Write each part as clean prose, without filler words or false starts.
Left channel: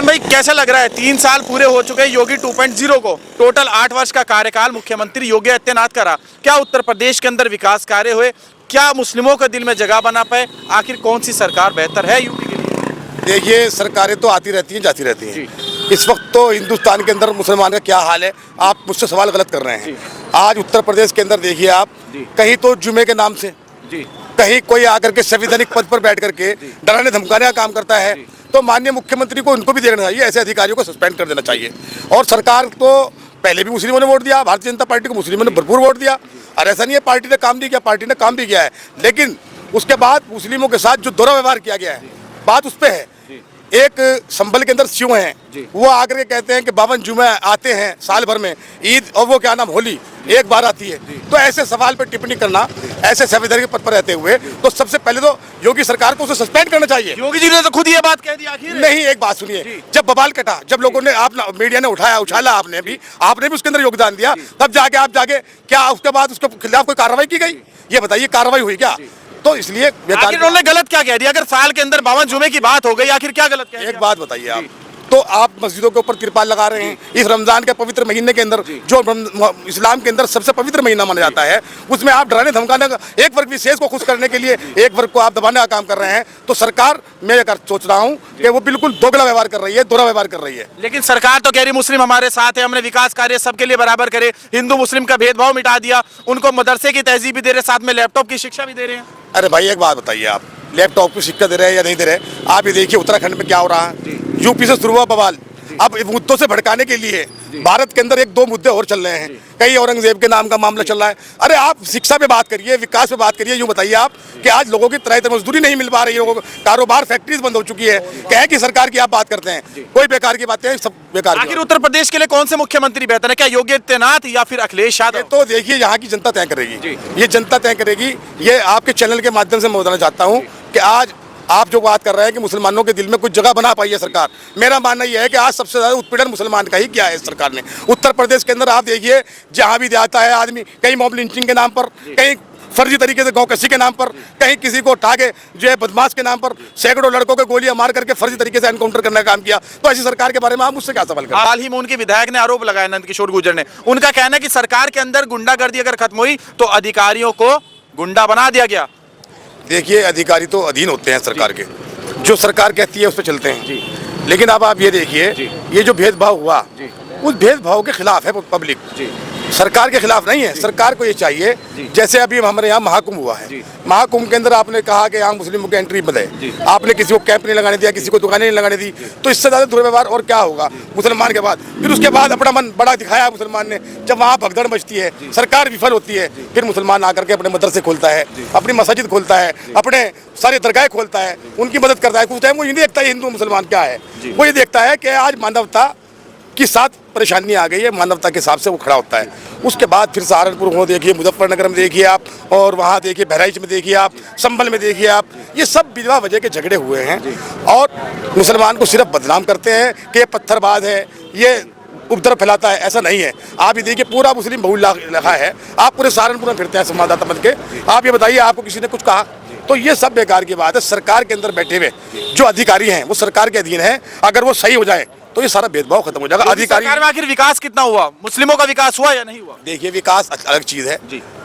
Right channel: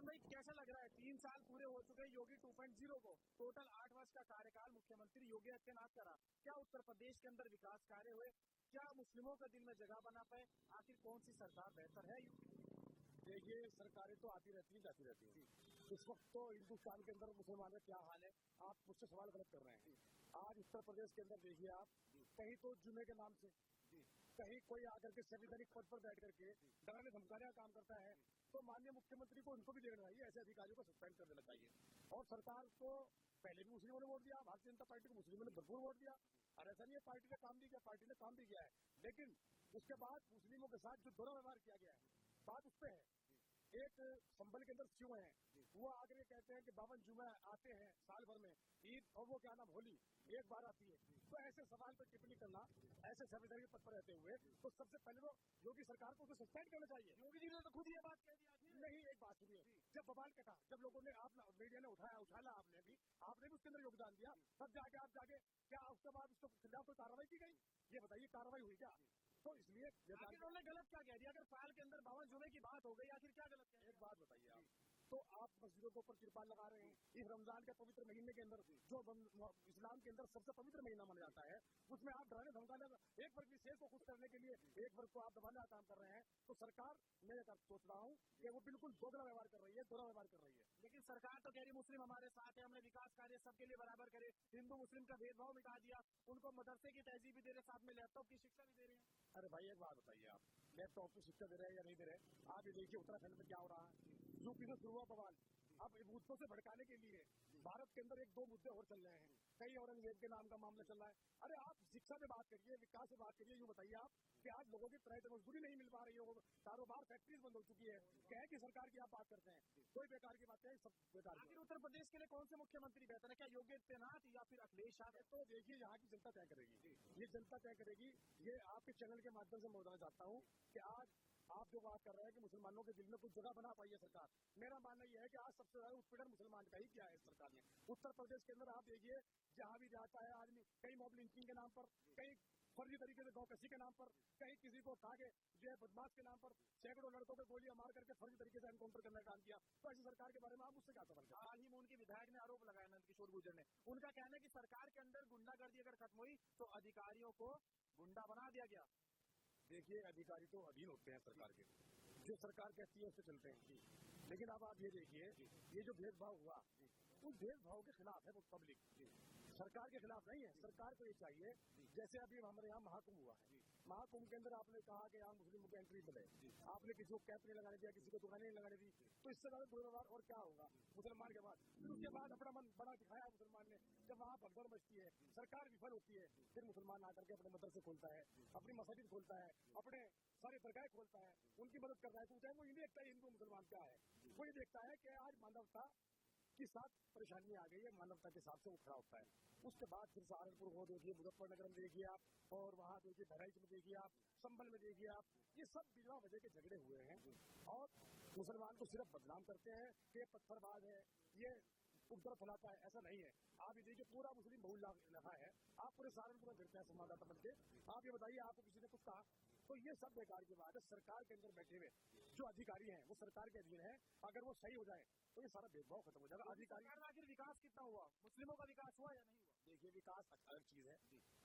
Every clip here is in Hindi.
खान भाई, कैसा लग रहा है 3 साल पूरे हो चुके हैं योगी 2.0 को, टोटल 8 वर्ष का कार्यकाल मुख्यमंत्री योगी आदित्यनाथ का रहा। क्या उत्तर प्रदेश के अंदर विकास कार्य हुए? क्या मुस्लिमों के दिल में जगह बना पाए? आखिर कौन सी सरकार बेहतर है यूपी के लिए? देखिए, सरकारें तो आती रहती हैं, जाती रहती हैं। इस वक्त तो हिंदुस्तान के अंदर मुसलमान का क्या हाल है, आप मुझसे सवाल गलत कर रहे हैं। आज उत्तर प्रदेश के अंदर देखिए आप, कहीं तो जुमे के नाम से, कहीं कोई आकर के संवैधानिक पद पर बैठ करके डराने धमकाने का काम करता है। तो माननीय मुख्यमंत्री को उनको भी देखना चाहिए, ऐसे अधिकारियों को सस्पेंड कर देना चाहिए। और सरकार को पहले भी मुस्लिमों ने वोट दिया, भारतीय जनता पार्टी को मुस्लिमों ने भरपूर वोट दिया, और ऐसा नहीं है पार्टी ने काम नहीं किया, पार्टी ने काम भी किया है। लेकिन उसके बाद मुस्लिमों के साथ जो दुरा व्यवहार किया गया है, बात उस पर है। एक संभल के अंदर सिंह हैं, वो आकर के कहते हैं कि 52 जुमे आते हैं साल भर में, ईद और वो क्या नाम होली एक बार आती है। तो ऐसे सवाल पर टिप्पणी करना, ऐसे संवैधानिक पद पर रहते हुए, तो सबसे पहले तो योगी सरकार को उसे सस्पेंड करना चाहिए। योगी जी ने तो खुद ये बात कह दी आखिर। नहीं, एक बात सुनिए, जब बवाल कटा, जब लोगों ने, आप मीडिया ने उछाला, आपने भी उसके अंदर योगदान दिया, तब जाके आप क्या उसके बाद उसके खिलाफ कोई कार्रवाई की गई? ये बताइए, कार्रवाई हुई क्या? तो इसलिए आखिर उन्होंने गलत क्या कह दिया? अगर साल के अंदर 52 जुमे की बात हो गई, आखिर क्या गलत कह दिया? एक बात बताइए आप, तो आप मस्जिदों के ऊपर तिरपाल लगा रहे हैं इस रमजान के पवित्र महीने के अंदर, जो इस्लाम के अंदर सबसे पवित्र महीना माना जाता है, उसमें आप डराने धमकाने का, एक वर्ग विशेष को खुश करने के लिए एक वर्ग को आप दबाने का काम कर रहे हैं। तो सरकार, मैं ये सोच रहा हूँ कि वो बिल्कुल दोगला व्यवहार कर रही है, दोहरा व्यवहार कर रही है। लेकिन सरकार तो कह रही मुस्लिम हमारे साथ है, हमने विकास कार्य सबके लिए बराबर करे, हिंदू मुस्लिम का भेदभाव मिटा दिया, उनको मदरसे की तहजीब भी दे रहे, साथ में लैपटॉप की शिक्षा भी दे रहे हैं। अरे भाई, एक बात बताइए, आप लैपटॉप की शिक्षा दे रहे हैं या नहीं दे रहे? आप ये देखिए उत्तराखंड में क्या हो रहा है, यूपी से शुरू हुआ बवाल, अब मुद्दों से भड़काने के लिए भारत के अंदर 1-2 मुद्दे और चल रहे हैं। कई औरंगजेब के नाम का मामला चल रहा है। अरे आप शिक्षा पे बात करिए, विकास पे बात करिए। यूँ बताइए आप कि आज लोगों की तरह मजदूरी नहीं मिल पा रही है, लोगों को कारोबार, फैक्ट्रीज बंद हो चुकी है। क्या है कि सरकार की आप बात करते हैं, कोई बेकार की बातें, सब बेकार। आखिर उत्तर प्रदेश के लिए कौन से मुख्यमंत्री बेहतर है? क्या योगी आदित्यनाथ या फिर अखिलेश यादव? तो देखिए, यहाँ की जनता तय करेगी, ये जनता तय करेगी। ये आपके चैनल के माध्यम से मैं बताना चाहता हूँ कि आज आप जो बात कर रहे हैं कि मुसलमानों के दिल में कुछ जगह बना पाई है सरकार, मेरा मानना यह है कि आज सबसे ज़्यादा उत्पीड़न मुसलमान का ही किया है सरकार ने। उत्तर प्रदेश के अंदर आप देखिए, जहाँ भी जाता है आदमी, कहीं मॉब लिंचिंग के नाम पर, कहीं फर्जी तरीके से गाँव कसी के नाम पर, कहीं किसी को उठा के जो है बदमाश के नाम पर सैकड़ों लड़कों को गोलियां मार करके फर्जी तरीके से एनकाउंटर करने का काम किया। तो ऐसी सरकार के बारे में आप मुझसे क्या सवाल करें? हाल ही में उनके विधायक ने आरोप लगाया, नंदकिशोर गुर्जर ने, उनका कहना है कि सरकार के अंदर गुंडागर्दी अगर खत्म हुई तो अधिकारियों को गुंडा बना दिया गया। देखिए, अधिकारी तो अधीन होते हैं सरकार के, जो सरकार कहती है उस पर चलते हैं। लेकिन अब आप ये देखिए, ये जो भेदभाव हुआ, उस भेदभाव के खिलाफ है पब्लिक, सरकार के खिलाफ नहीं है। सरकार को ये चाहिए, जैसे अभी हमारे यहाँ महाकुंभ हुआ है, महाकुंभ के अंदर आपने कहा कि यहाँ मुस्लिमों की एंट्री बंद है, आपने किसी को कैंप नहीं लगाने दिया, किसी को दुकानें नहीं लगाने दी, तो इससे ज़्यादा दुर्व्यवहार और क्या होगा मुसलमान के बाद? फिर उसके बाद अपना मन बड़ा दिखाया मुसलमान ने, जब वहाँ भगदड़ मचती है, सरकार विफल होती है, फिर मुसलमान आकर के अपने मदरसे खोलता है, अपनी मस्जिद खोलता है, अपने सारे दरगाह खोलता है, उनकी मदद करता है। कुछ टाइम वो ये नहीं देखता हिंदू मुसलमान क्या है, वो ये देखता है कि आज मानवता की साथ परेशानी आ गई है, मानवता के हिसाब से वो खड़ा होता है। उसके बाद फिर सहारनपुर में देखिए, मुजफ्फरनगर में देखिए आप, और वहाँ देखिए बहराइच में देखिए आप, संभल में देखिए आप, ये सब बिजवा वजह के झगड़े हुए हैं। और मुसलमान को सिर्फ बदनाम करते हैं कि ये पत्थरबाज है, ये उपद्रव फैलाता है। ऐसा नहीं है। आप ये देखिए, पूरा मुस्लिम बहुल इलाका है, आप पूरे सहारनपुर में फिरते हैं संवाददाता बन के, आप ये बताइए आपको किसी ने कुछ कहा? तो ये सब बेकार की बात है। सरकार के अंदर बैठे हुए जो अधिकारी हैं वो सरकार के अधीन है, अगर वो सही हो जाए तो ये सारा भेदभाव खत्म हो जाएगा। अधिकारी सरकार में आखिर विकास कितना हुआ? मुस्लिमों का विकास हुआ या नहीं हुआ? देखिए, विकास अलग चीज है,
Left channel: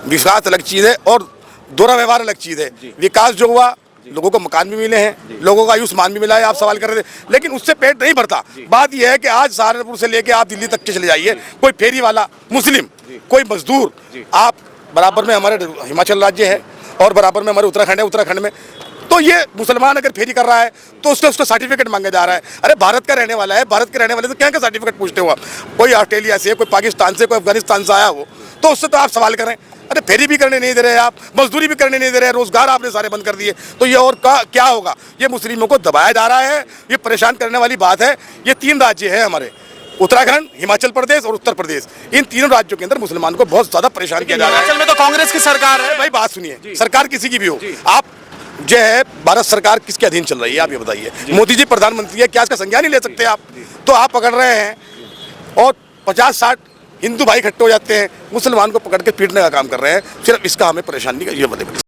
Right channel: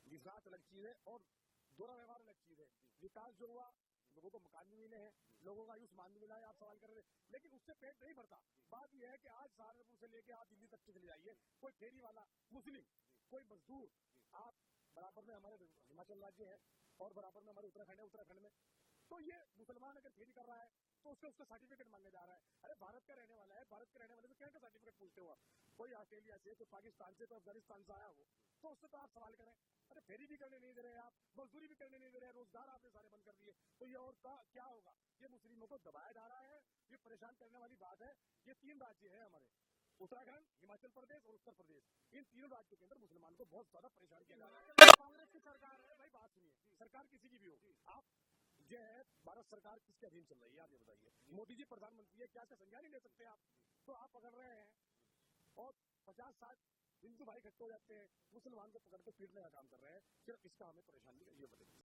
विकास अलग चीज है, और दोहरा व्यवहार अलग चीज है। विकास जो हुआ, लोगों को मकान भी मिले हैं, लोगों का आयुष्मान भी मिला है, आप सवाल कर रहे थे, लेकिन उससे पेट नहीं भरता। बात यह है कि आज सहारनपुर से लेके आप दिल्ली तक के चले जाइए, कोई फेरी वाला मुस्लिम, कोई मजदूर, आप बराबर में हमारे हिमाचल राज्य है और बराबर में हमारे उत्तराखंड है, उत्तराखंड में तो ये मुसलमान अगर फेरी कर रहा है तो उससे उसका सर्टिफिकेट मांगा जा रहा है। अरे भारत का रहने वाला है, भारत के रहने वाले से क्या क्या सर्टिफिकेट पूछते हो आप? कोई ऑस्ट्रेलिया से, कोई पाकिस्तान से, कोई अफगानिस्तान से आया हो तो उससे तो आप सवाल करें। अरे फेरी भी करने नहीं दे रहे आप, मजदूरी भी करने नहीं दे रहे, रोजगार आपने सारे बंद कर दिए, तो ये और क्या होगा? ये मुस्लिमों को दबाया जा रहा है, ये परेशान करने वाली बात है। ये 3 राज्य हैं हमारे, उत्तराखंड, हिमाचल प्रदेश और उत्तर प्रदेश। इन तीनों राज्यों के अंदर मुसलमान को बहुत ज्यादा परेशान किया जा रहा है। हिमाचल में तो कांग्रेस की सरकार है। भाई बात सुनिए, सरकार किसी की भी हो, आप जो है भारत सरकार किसके अधीन चल रही है? आप ये बताइए। मोदी जी प्रधानमंत्री है, क्या इसका संज्ञान नहीं ले सकते आप? तो आप पकड़ रहे हैं और 50-60 हिंदू भाई इकट्ठे हो जाते हैं, मुसलमान को पकड़ के पीटने का काम कर रहे हैं। सिर्फ इसका हमें परेशानी का ये बताइए।